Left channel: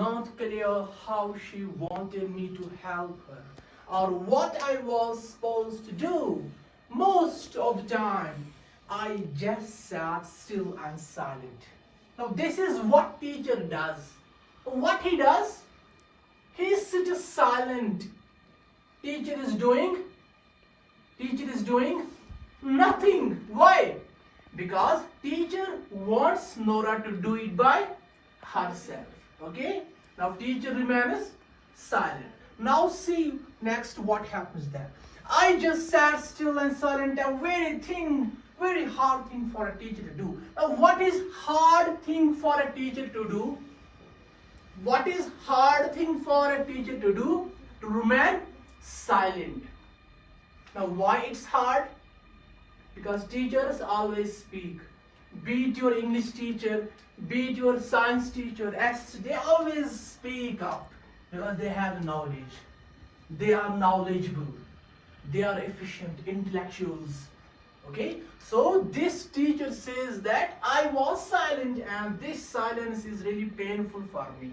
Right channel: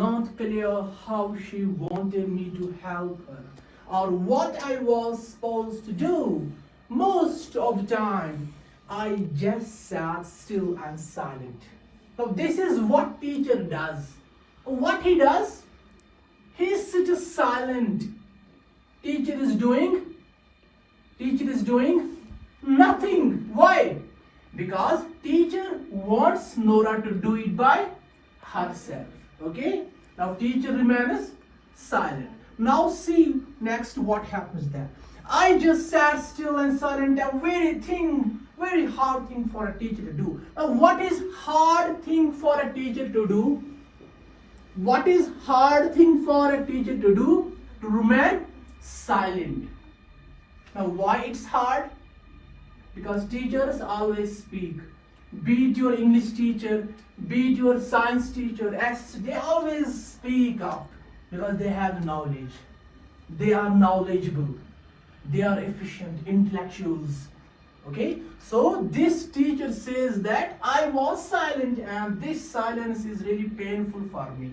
not clear how she wanted me to help her or what I was supposed to do. Most of the time, I just sat still and silent. Now this is what teacher does. What he does? He sits silent. Teacher is doing nothing. Why? Because teacher wants Nora to do it by herself. Okay? Now teacher remains silent. Now see next what happens then. I just sat still and silent, a very hard thing for a teacher to do. Now what is hard thing for a teacher to do? What is hard thing for a teacher to do? To remain silent. Now why it's hard? Because teachers always speak. Be it your English teacher, be it your science teacher, they always speak out because they have knowledge. They are knowledgeable. They are efficient intellectuals. Okay? So this teacher says that I was silent and this silence is really painful for me.